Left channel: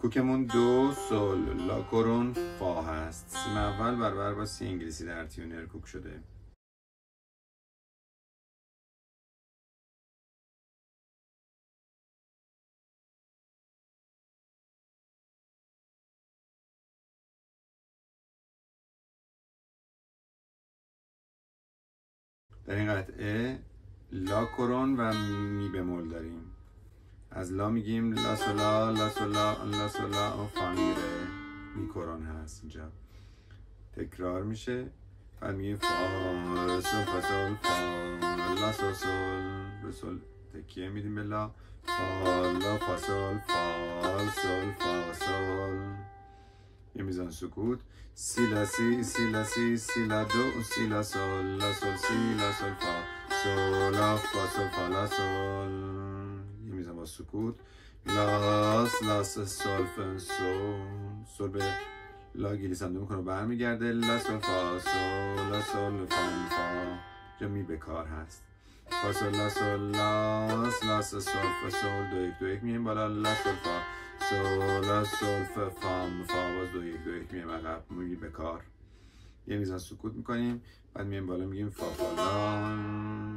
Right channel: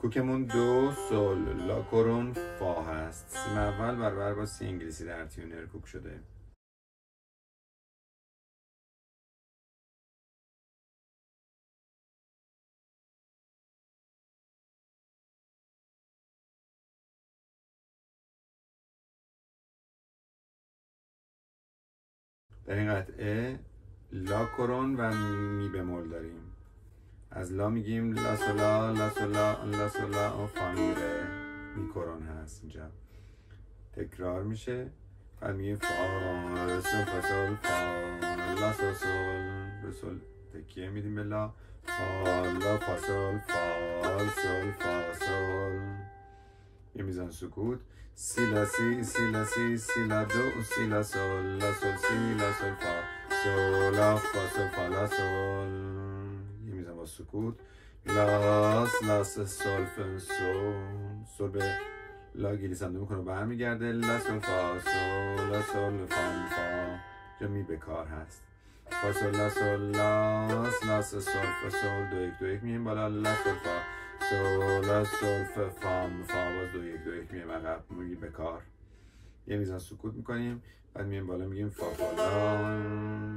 کوکمون دو سل لا کرون فا هست. سیم اول برابر با سی انگلیسی در تیونر کوک شده. در این قطعه لا کرون و می بمول داریم. از لا میگیم لا سولا لا سولا لا سولا و فا میره، می کرون هست اینجا. تکرار میشه. بعد میگیم فا سول فا سول فا لا سول سول به سول تکیه میدیم به لا فا لا فا سول فا سول فا سول. یه میزان سکوت. سی لا سی سی لا سی سی لا دو سی لا سول لا سول سی لا سول فا سول لا فا سول فا لا سول. یه میزان با سکوت. لاس لاس سول فا سول سول به لا گلیسنده میکنه و برمیگرده. لا سول فا سول لا سول فا می فا. جا می به کار هست. فا سول لا سول لاس لاس سول فا سول دو یک دو یک میگیم بالا. لا سول فا سول لا سول فا فا می فا باز دو یک دو یک میگیم عقب می به کار. یه میزان سکوت میکنیم. بعد میگیم بالا میگیم فا فا لا.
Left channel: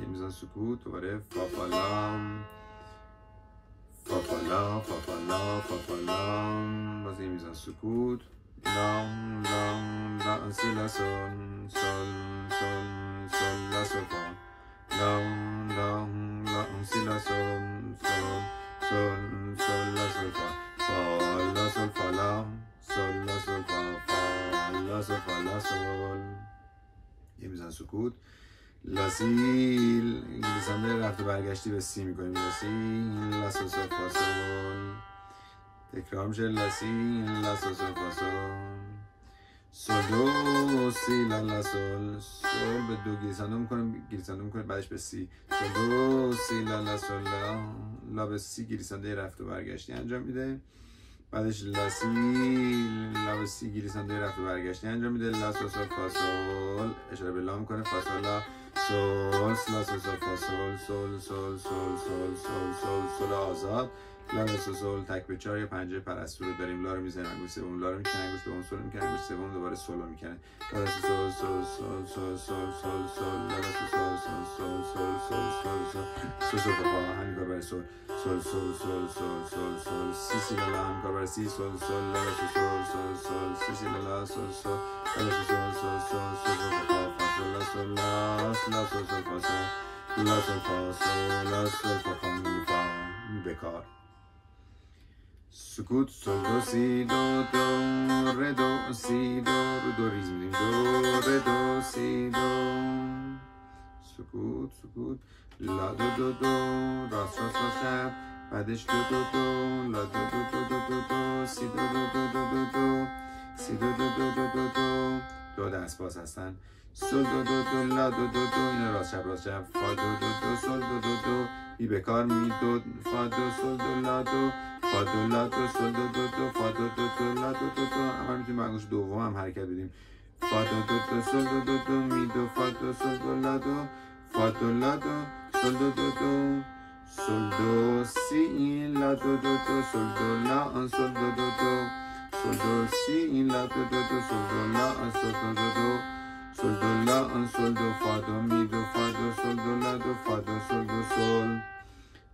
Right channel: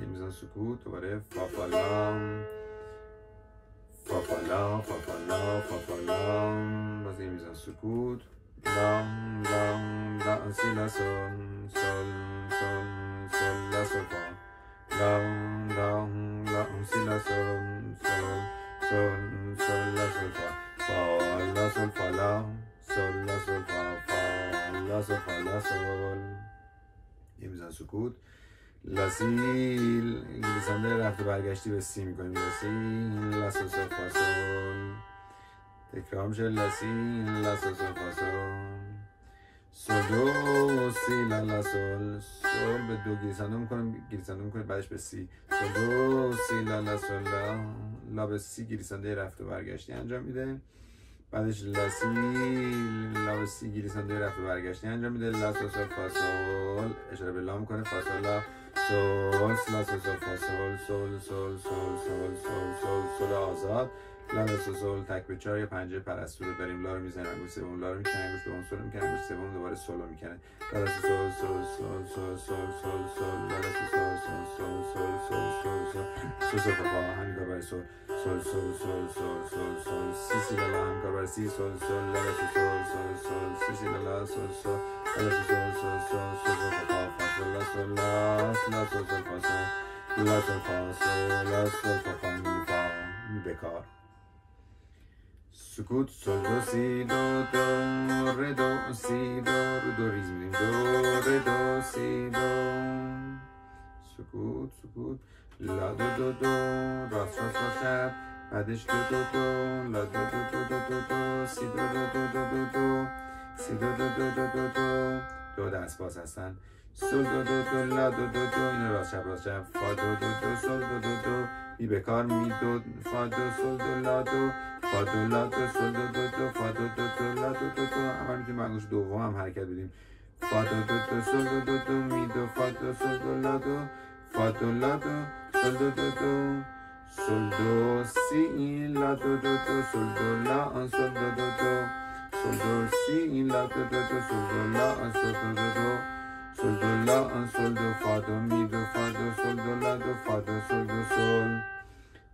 یه میزان سکوت دوباره فا فا لا فا فا لا فا فا لا فا فا لا. باز یه میزان سکوت. لا لا لا سی لا سول سول سول سول لا سول فا لا لا لا سی لا سول سول سول سول لا سول فا فا لا سول فا لا سول لا سول فا فا لا سول فا لا سول. یه میزان سکوت. لا سی گلیسنده رفت و برگشتی به سی میکنیم. لا سی لا سول سول فا سول. تکرار میشه. لا سی لا سول سول فا سول سول دو سی لا لا سول سول به دو گلیسنده میکنه بعدش به سی. سول دو سی لا لا سول لا لا به سی گلیسنده رفت و برگشتی انجام میده. بعدش لا سی لا به سی گلیسنده رفت و برگشتی انجام میده. لا سول سول فا سول اشاره به لا میکنه. فا سول لا سول لا سول سول فا سول سول سول سول سول سول سول سول آزاد. لا سول سول تک به چهار. یه پنجه پرستو رو داریم. لا رو میزنیم انگوش سوم، لا رو میکنه انگوش دوم، سول رو میکنه انگوش سوم، دوباره سول رو میکنه. لا سول سول سول سول سول سول سول لا سول سول سول سول سول سول سول سول فا همین کار برای سول سول سول سول سول سول سول سی سی لا هم کار برای سی سول سول لا سول سول سول سی سی لا سول سول لا سول سول سول سول فا فا سول لا سول لا سول سول فا سول لا سول فا سول لا سول فا می فا می بکار. سکوت. سول دو سی دو دو ره دو سی دو رو دو ریز میدیم. دو ره دو سی دو. سکوت سکوت. لا دو دو دو راست راست راست شب. بعدش دو دو دو لا دو دو دو دو دو دو سی دو دو دو دو دو دو سی دو دو دو دو دو دو. دو دست باز هستن. سول دو دو دو لا دو دو دو این راست شب فا دو دو دو سول دو دو دو بی بکار می دو فا دو سول دو لا دو فا دو لا دو سول دو دو دو فا دو دو دو لا دو دو دو. اما میتونیم انگوش دوم هم حرکت بدیم. فا دو دو دو سول دو دو دو می دو فا دو سول دو لا دو فا دو لا دو سول دو دو دو سول دو سی لا دو دو دو سول دو لا سول دو دو دو سول دو سی لا دو دو دو سول دو لا سول دو دو دو سول دو لا سول دو فا دو می دو فا دو سول دو لا دو فا دو سول دو سول.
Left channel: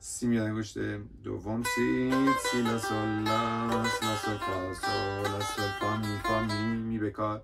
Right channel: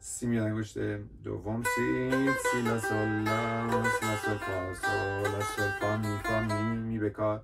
سی می انگشت دوم سی سی لا سول لا سول فا سول لا سول فا می بکار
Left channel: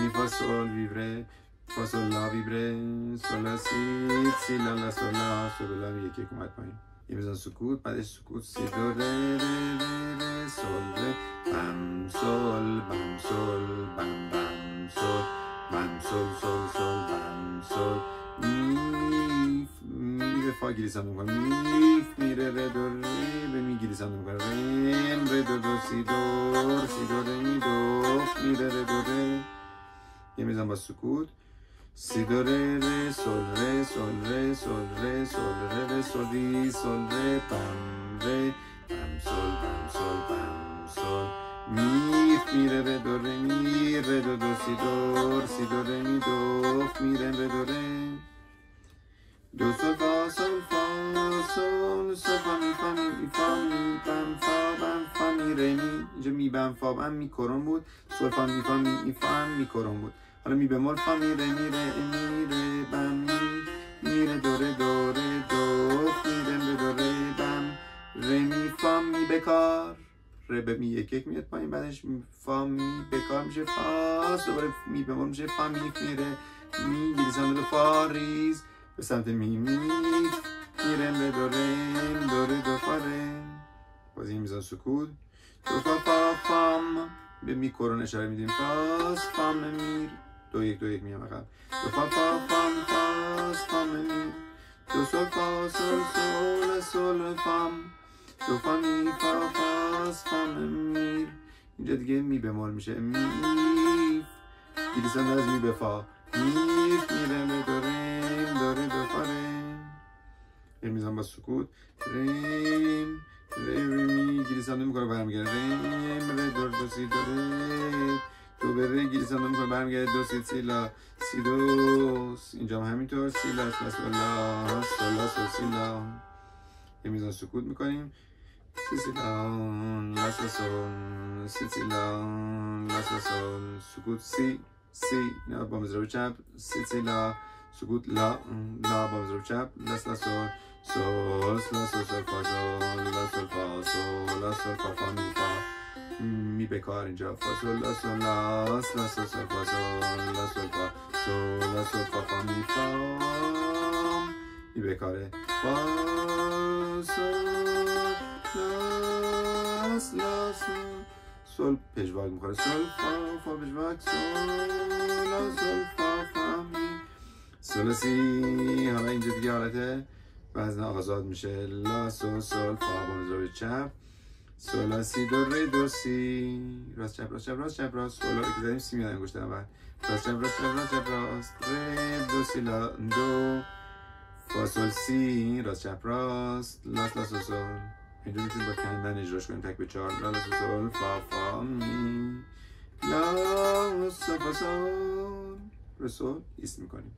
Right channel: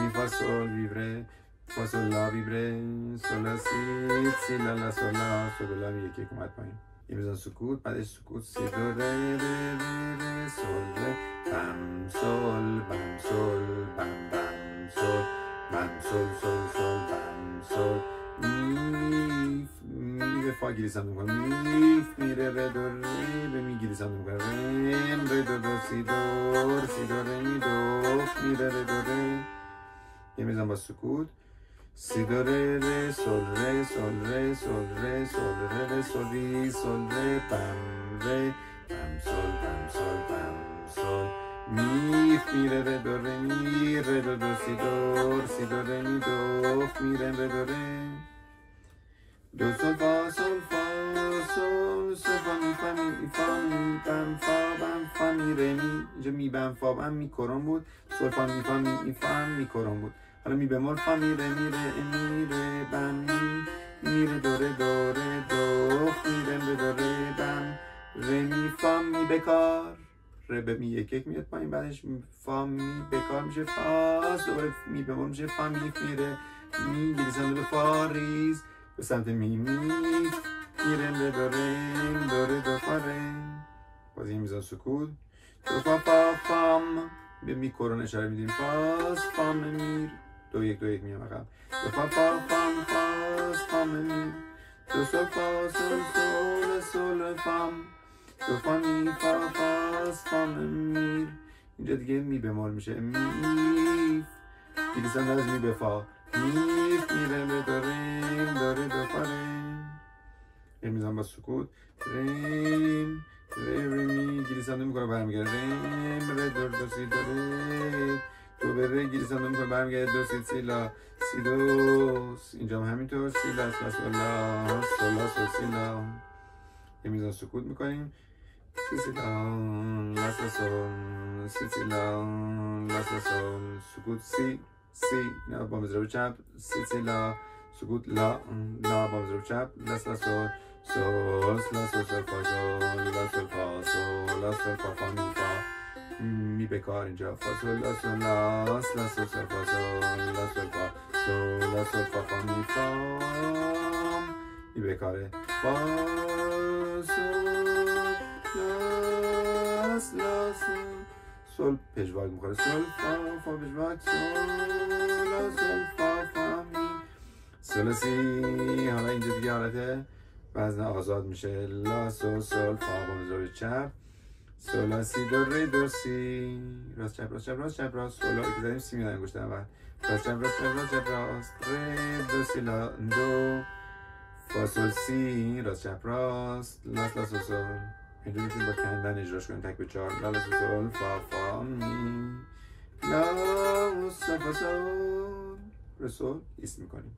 می فا سول ویبره فا سول لا ویبره سول لا سی لا سول لا سول لا می یکی اومد پایین. یه میزان سکوت. بعدش سکوت. سی دو ره ره سول ره بم سول بم سول بم بم سول بم سول سول سول بم سول می به فا گلیسنده میکنه. می ره ره دو ره به می گلیسنده میکنه. رن ره دو دو سی دو سی دو ره می دو می ره ره دو ره. یه میزان با سکوت. سی دو ره ره سول ره سول ره سول ره سول ره ره سول ری سول ره بم ره بم سول بم سول بم سول می ره ره دو ره می ره دو دو سی دو ره می دو می ره ره دو ره دو سول فا سول فا سول سول فا فا می فا می بم فا بم فا می ره می. اینجا می بم فا بم می کرون بود، سول فا می فا می فا می کرون بود. حالا می بمول فا می ره می ره می ره بم می می ره دو ره دو ره دو می ره می دو ره بم ره می فا می بکار. ره به می یک یک میاد پایین، بعدش فا می بکار میشه فا، دوباره می بمول میشه فا می می ره می گریزان دو فا ریز به سمت می می میرم به دو ریم دو ره دو فا ره. بازی میزان سکوت. دو فا فا فام به می کرون اشاره میدیم فاس فام میر دو یک دو یک میام عقب. دو فا فا فام فاس فام میر دو سول فا سول سول سول فام دو فا می فا فاس فام میر. اینجا دیگه می بمول میشه می گریزان از می به فا میف میره به دو ریم دو ره دو فا ره. میزن با سکوت ریم ره می گریزان میکنه برمیگرده ریم ره دو دو سی دو ره دو به ره گریزان میکنه برمیگرده دو سی سی لا سی دو. اینجا هم همینطور سی لا سولا سولا سول سی لا. میزن سکوت میکنیم سی سی لا لا سول سی سی لا لا سول سکوت سی سی نه با مضرب چپ سی سی لا سکوت لا لا با مضرب چپ لاس لا سول سول لا سول سول فا سول لا سول فا سول لا سول فا فا می فا می بکار اینجا فا سول لا سول لا سول سول فا سول لا سول فا سول لا سول فا فا می فا می بکاره فا سول لاس لا سول پژواک میخوره سول فا فا پژواک سول لا سول فا فا می سول سی. حالا اینجا دیگه حالت وزن آزاد میشه لا سول سول فا با مضرب چپ سول لا سی دو ره دو سی راست چپ راست چپ راست چپ راست سول لا که داریم سی میدن انگشت اول راست چپ راست چپ راست چپ راست ره دو سی لا دو فا سول سی راست چپ راست لا لا سول سول. اینجا میتونیم با کندن اجراش کنیم تک به چهار لا لا سول سول فا فا می لا سول فا سول رسول ایست میکنیم.